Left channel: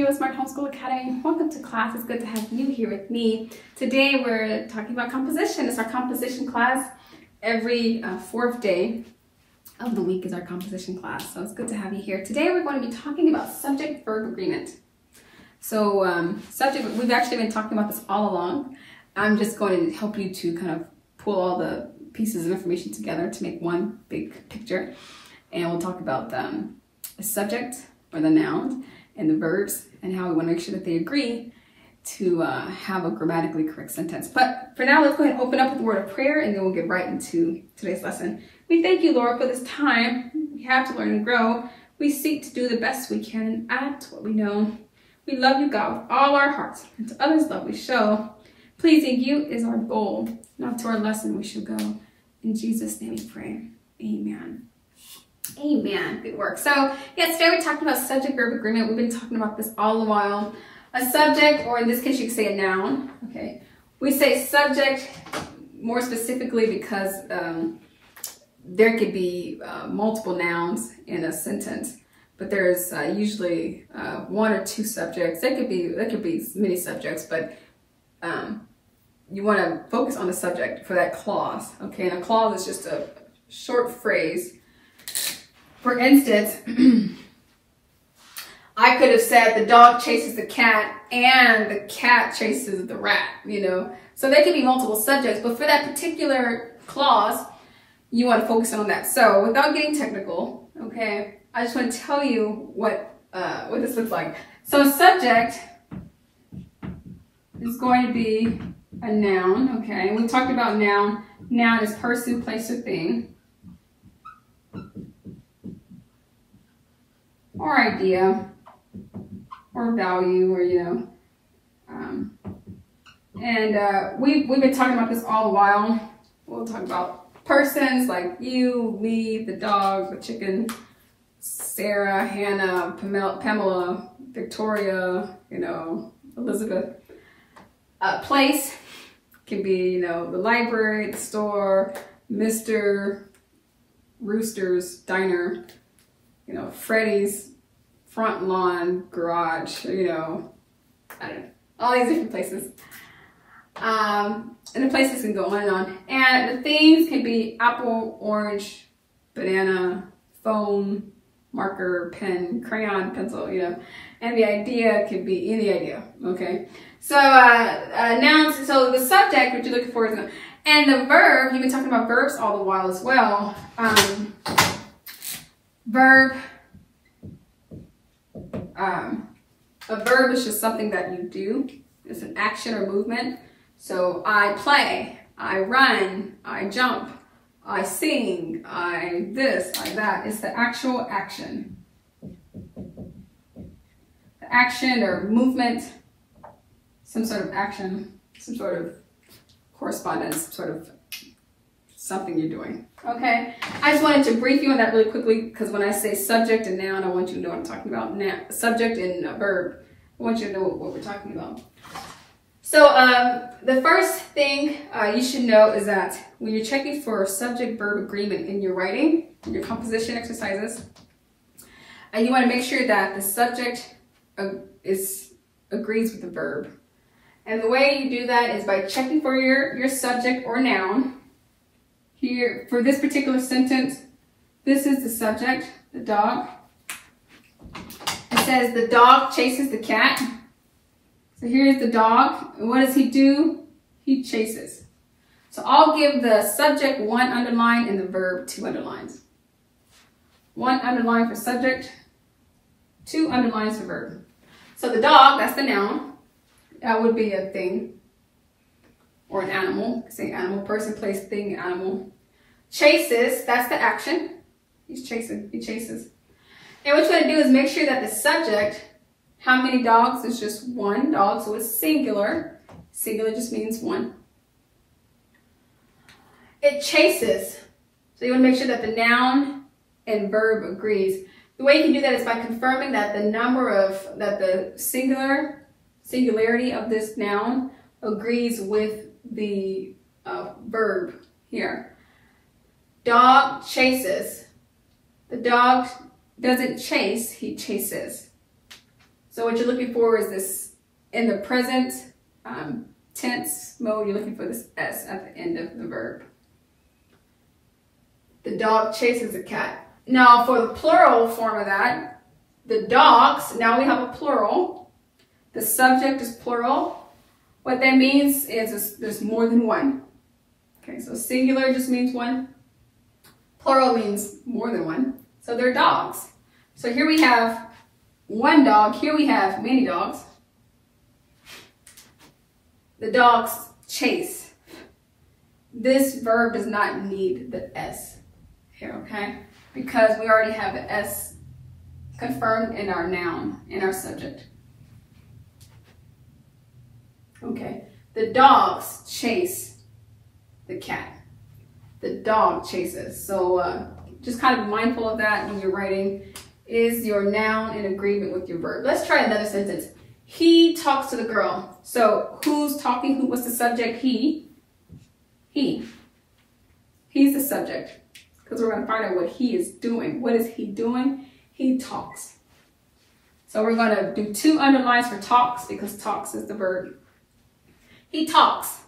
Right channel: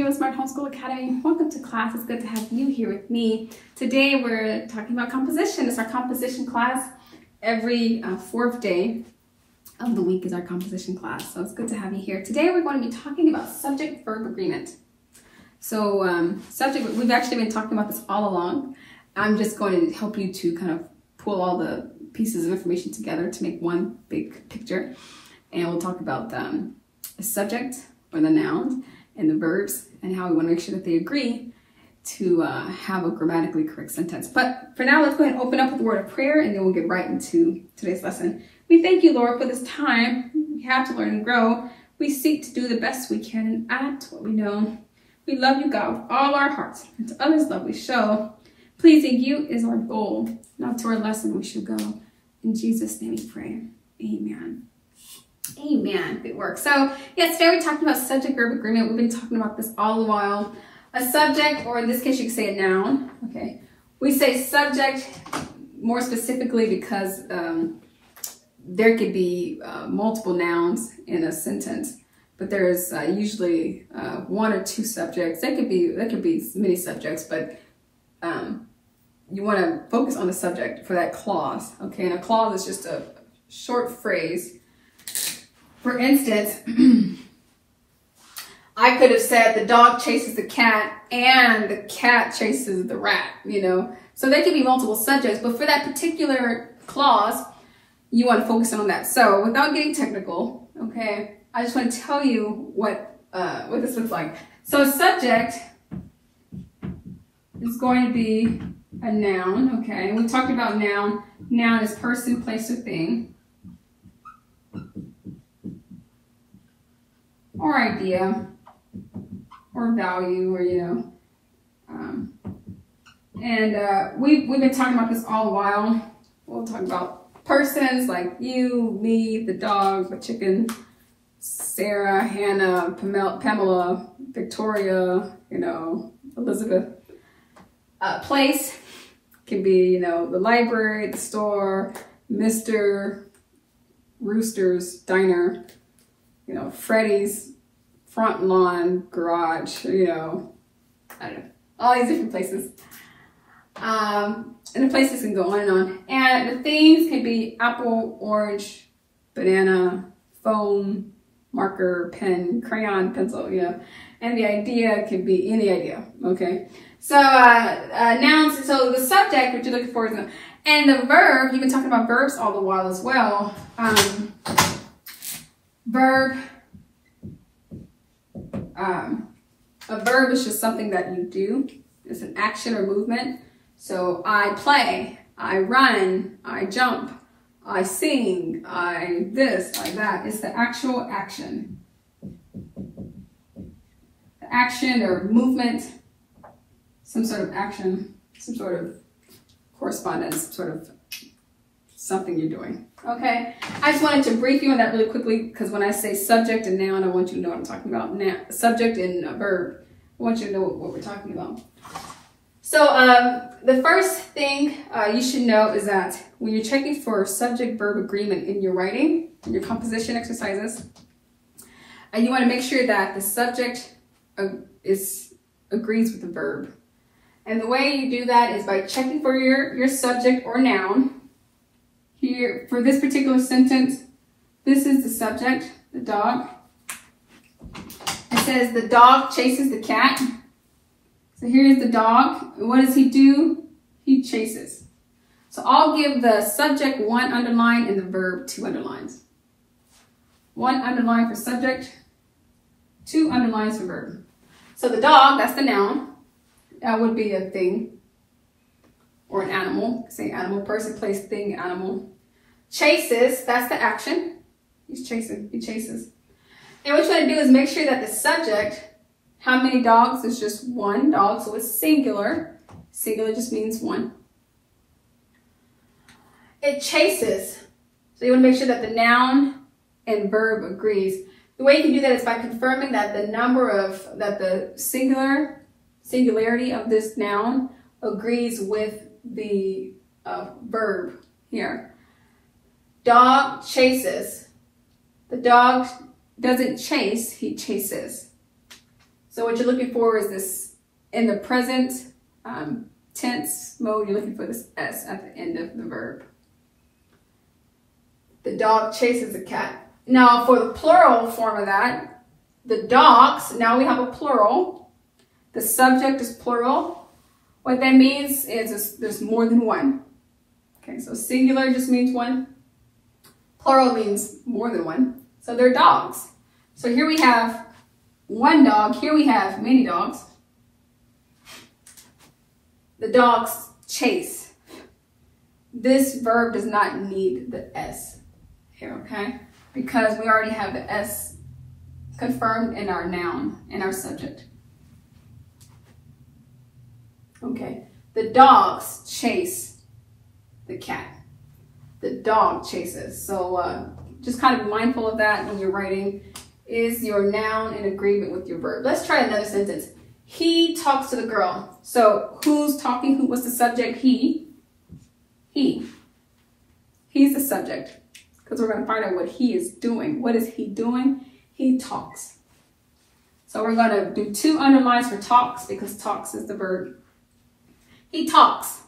Heroesmart Homeschool Academy. Welcome to class. It's good to have you here with me. Today we're talking about composition. It's our composition class. Every fourth day of the week is our composition class. So it's good to have you here. Today we're going to be talking about subject-verb agreement. So we've actually been talking about this all along. I'm just going to help you to kind of pull all the pieces of information together to make one big picture. And we'll talk about the subject or the nouns and the verbs and how we want to make sure that they agree to have a grammatically correct sentence. But for now, let's go ahead and open up with the word of prayer and then we'll get right into today's lesson. We thank you, Lord, for this time we have to learn and grow. We seek to do the best we can and add to what we know. We love you, God, with all our hearts, and to others love we show. Pleasing you is our goal. Now to our lesson we shall go. In Jesus' name we pray. Amen. Amen. Good work. So, yeah, today we're talking about subject-verb agreement. We've been talking about this all the while. A subject, or in this case, you could say a noun. Okay. We say subject more specifically because there could be multiple nouns in a sentence, but there's usually one or two subjects. There could be many subjects, but you want to focus on the subject for that clause. Okay, and a clause is just a short phrase. For instance, I could have said the dog chases the cat and the cat chases the rat, you know. So there could be multiple subjects, but for that particular clause, you want to focus on that. So without getting technical, okay, I just want to tell you what this looks like. So a subject is going to be a noun, okay. And we talked about noun. Noun is person, place, or thing. Or idea, or value, or, you know. We've been talking about this all the while. We'll talk about persons like you, me, the dog, the chicken, Sarah, Hannah, Pamela, Victoria, you know, Elizabeth. Place can be, you know, the library, the store, Mr. Rooster's diner, you know, Freddy's front lawn, garage, you know, I don't know, all these different places. And the places can go on and on. And the things can be apple, orange, banana, phone, marker, pen, crayon, pencil, you know. And the idea can be any idea, okay? So nouns, so the subject, what you're looking for is noun. And the verb, you've been talking about verbs all the while as well. A verb is just something that you do. It's an action or movement. So I play, I run, I jump, I sing, I this, I that. It's the actual action. The action or movement, some sort of action, some sort of correspondence, sort of something you're doing. Okay, I just wanted to brief you on that really quickly because when I say subject and noun, I want you to know what I'm talking about. Now, subject and verb, I want you to know what we're talking about. So the first thing you should know is that when you're checking for subject-verb agreement in your writing, in your composition exercises, you want to make sure that the subject agrees with the verb. And the way you do that is by checking for your subject or noun. Here, for this particular sentence, this is the subject, the dog. It says the dog chases the cat. So here's the dog. And what does he do? He chases. So I'll give the subject 1 underline and the verb 2 underlines. 1 underline for subject, 2 underlines for verb. So the dog, that's the noun. That would be a thing. Or an animal, say animal, person, place, thing, animal. Chases, that's the action. He's chasing, he chases. And what you want to do is make sure that the subject, how many dogs, is just 1 dog, so it's singular. Singular just means 1. It chases. So you want to make sure that the noun and verb agrees. The way you can do that is by confirming that the singularity of this noun agrees with the verb here. Dog chases. The dog doesn't chase, he chases. So what you're looking for is this, in the present tense mode, you're looking for this S at the end of the verb. The dog chases the cat. Now for the plural form of that, the dogs, now we have a plural. The subject is plural. What that means is there's more than one. Okay, so singular just means one. Plural means more than one. So they're dogs. So here we have one dog. Here we have many dogs. The dogs chase. This verb does not need the S here, okay? Because we already have the S confirmed in our noun, in our subject. Okay, the dogs chase the cat. The dog chases. So just kind of be mindful of that when you're writing. Is your noun in agreement with your verb? Let's try another sentence. He talks to the girl. So who's talking? What's the subject? He. He. He's the subject. Because we're going to find out what he is doing. What is he doing? He talks. So we're going to do 2 underlines for talks because talks is the verb. He talks.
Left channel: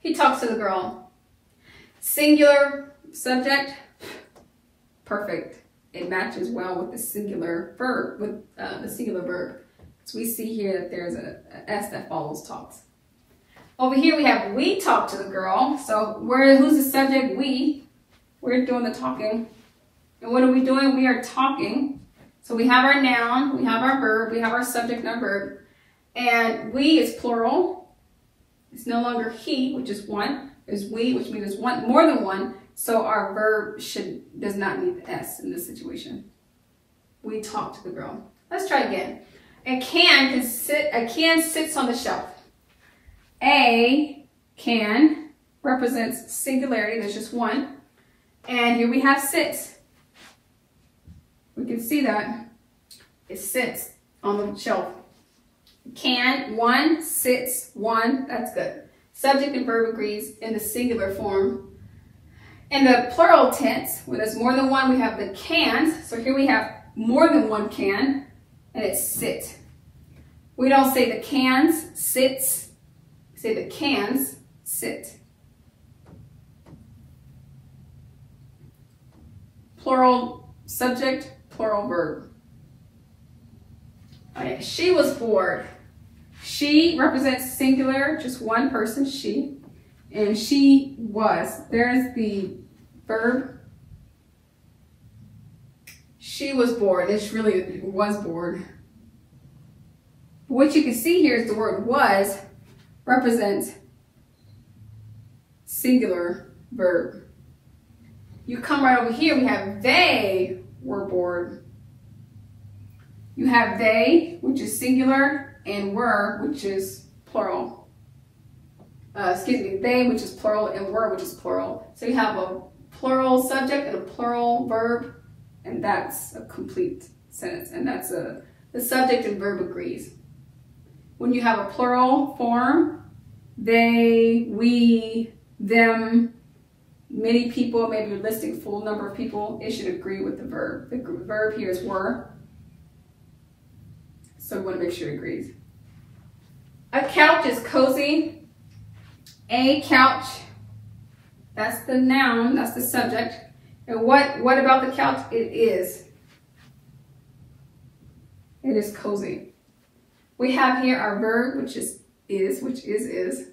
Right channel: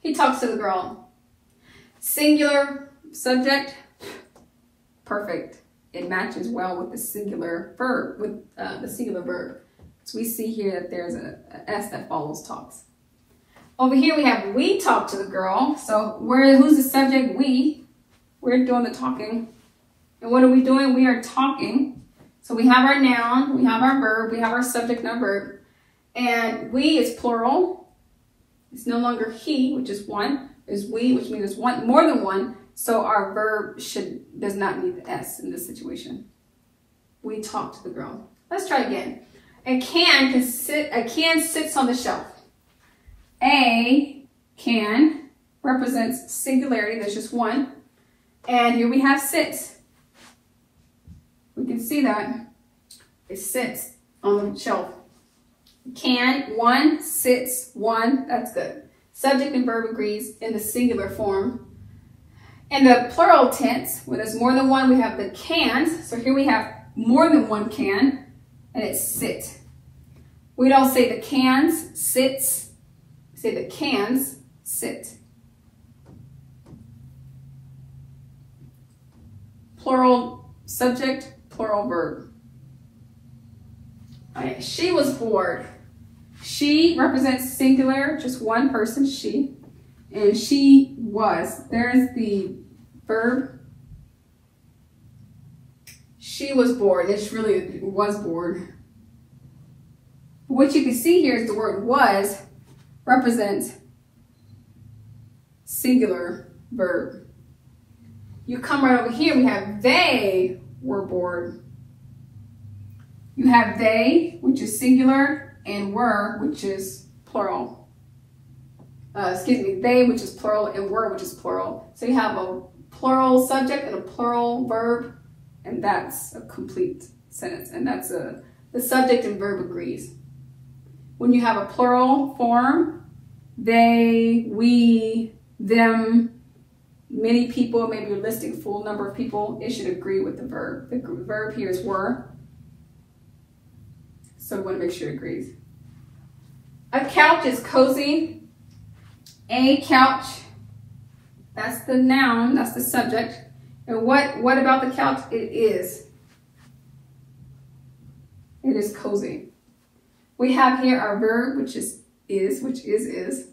He talks to the girl. Singular subject. Perfect. It matches well with the singular verb. So we see here that there's a S that follows talks. Over here we have we talk to the girl. So who's the subject? We. We're doing the talking. And what are we doing? We are talking. So we have our noun, we have our verb, we have our subject and our verb. And we is plural. It's no longer he, which is one. There's we, which means there's one, more than one. So our verb does not need the S in this situation. We talk to the girl. Let's try again. A can sits on the shelf. A can represents singularity. There's just one. And here we have sits. We can see that. It sits on the shelf. Can, one, sits, one. That's good. Subject and verb agrees in the singular form. In the plural tense, when there's more than one, we have the cans. So here we have more than one can, and it's sit. We don't say the cans sits. We say the cans sit. Plural subject, plural verb. Okay, she was bored. She represents singular, just one person, she. And she was. There's the verb. She was bored. It's really was bored. What you can see here is the word was represents singular verb. You come right over here, we have they were bored. You have they, which is singular, and were, which is plural. They, which is plural, and were, which is plural. So you have a plural subject and a plural verb, and that's a complete sentence. And that's the subject and verb agrees. When you have a plural form, they, we, them, many people, maybe you're listing full number of people, it should agree with the verb. The verb here is were. So we want to make sure it agrees. A couch is cozy. A couch, that's the noun, that's the subject. And what about the couch? It is. It is cozy. We have here our verb, which is, which is.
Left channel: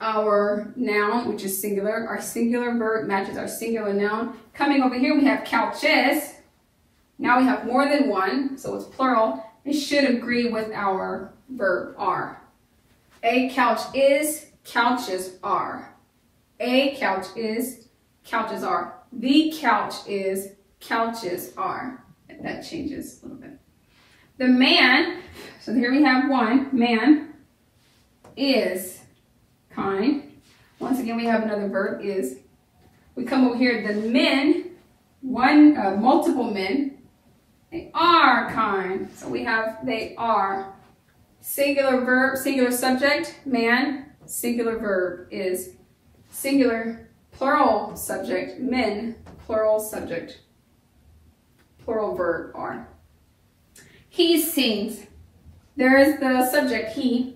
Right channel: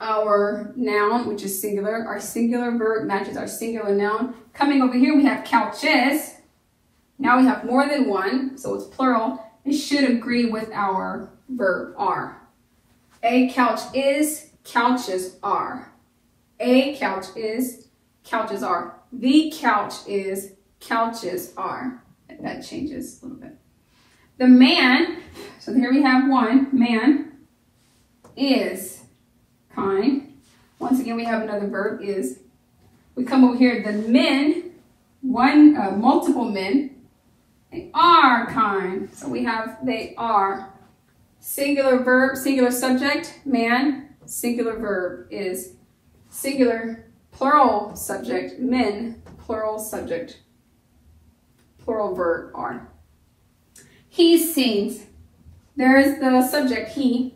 Our noun, which is singular. Our singular verb matches our singular noun. Coming over here, we have couches. Now we have more than one, so it's plural. It should agree with our verb, are. A couch is, couches are. A couch is, couches are. The couch is, couches are. And that changes a little bit. The man, so here we have one, man is kind. Once again, we have another verb, is. We come over here, the men, multiple men, they are kind. So we have they are. Singular verb, singular subject, man. Singular verb is. Singular, plural subject, men. Plural subject, plural verb, are. He sings. There's the subject, he.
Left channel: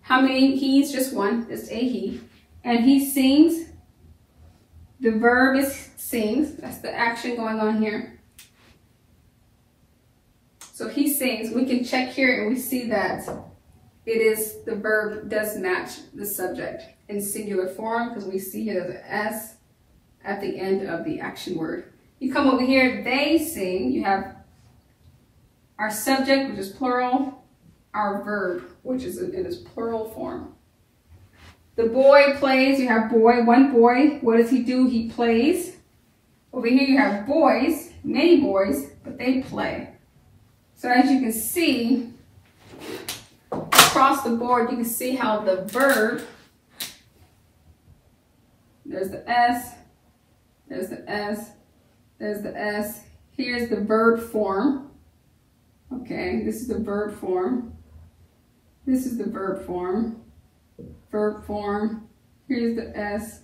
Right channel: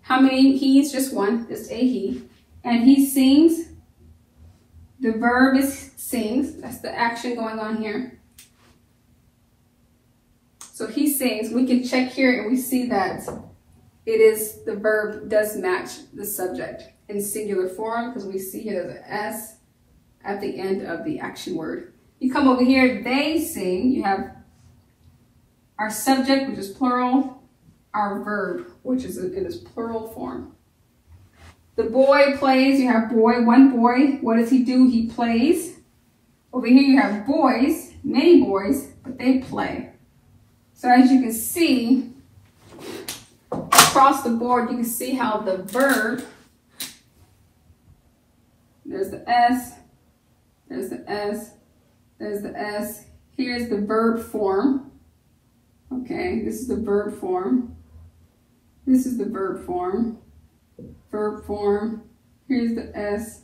How many he's? Just one, just a he. And he sings. The verb is sings. That's the action going on here. So he sings. We can check here and we see that it is, the verb does match the subject in singular form because we see it as an S at the end of the action word. You come over here, they sing. You have our subject, which is plural, our verb, which is in its plural form. The boy plays. You have boy, one boy. What does he do? He plays. Over here you have boys, many boys, but they play. So as you can see, across the board, you can see how the verb, there's the S, there's the S, there's the S. Here's the verb form. Okay, this is the verb form. This is the verb form. Verb form. Here's the S.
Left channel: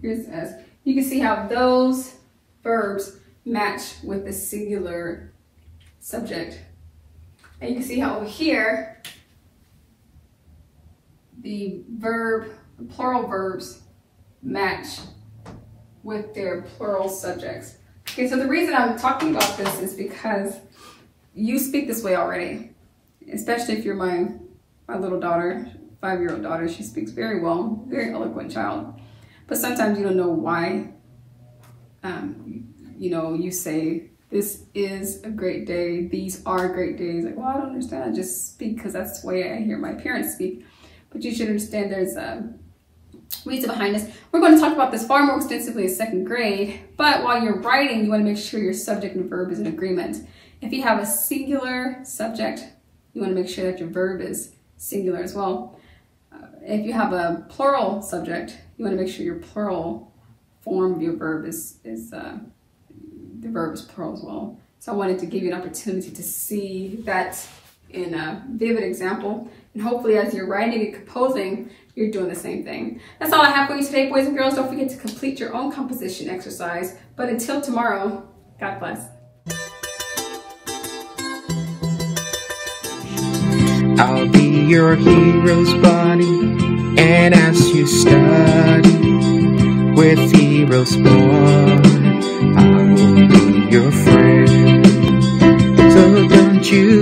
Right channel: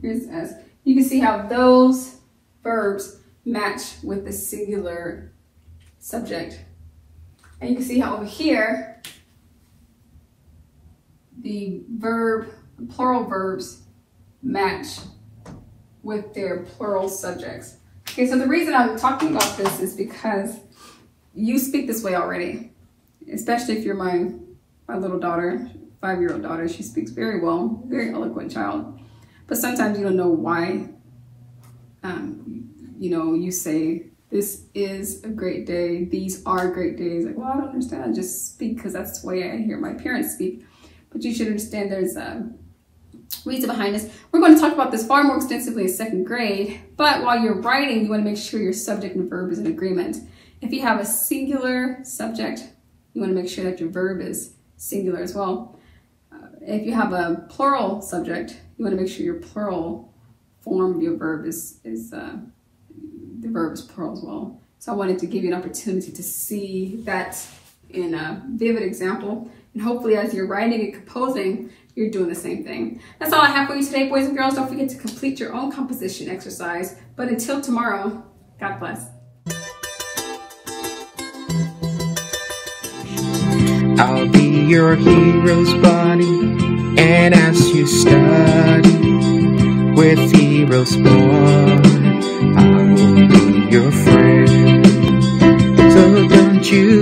Here's the S. You can see how those verbs match with the singular subject. And you can see how over here, the plural verbs match with their plural subjects. Okay, so the reason I'm talking about this is because you speak this way already, especially if you're my little daughter, 5-year-old daughter. She speaks very well, very eloquent child. But sometimes you don't know why, you say, this is a great day, these are great days. Like, well, I don't understand, I just speak because that's the way I hear my parents speak. But you should understand there's a reason behind this. We're going to talk about this far more extensively in 2nd grade, but while you're writing, you want to make sure your subject and verb is in agreement. If you have a singular subject, you want to make sure that your verb is singular as well. If you have a plural subject, you want to make sure your plural form of your verb is the verb is plural as well. So I wanted to give you an opportunity to see that in a vivid example, and hopefully as you're writing and composing, you're doing the same thing. That's all I have for you today, boys and girls. Don't forget to complete your own composition exercise. But until tomorrow, God bless. I'll be your hero's buddy, and as you study with Heroesmart, I will be your friend. So don't you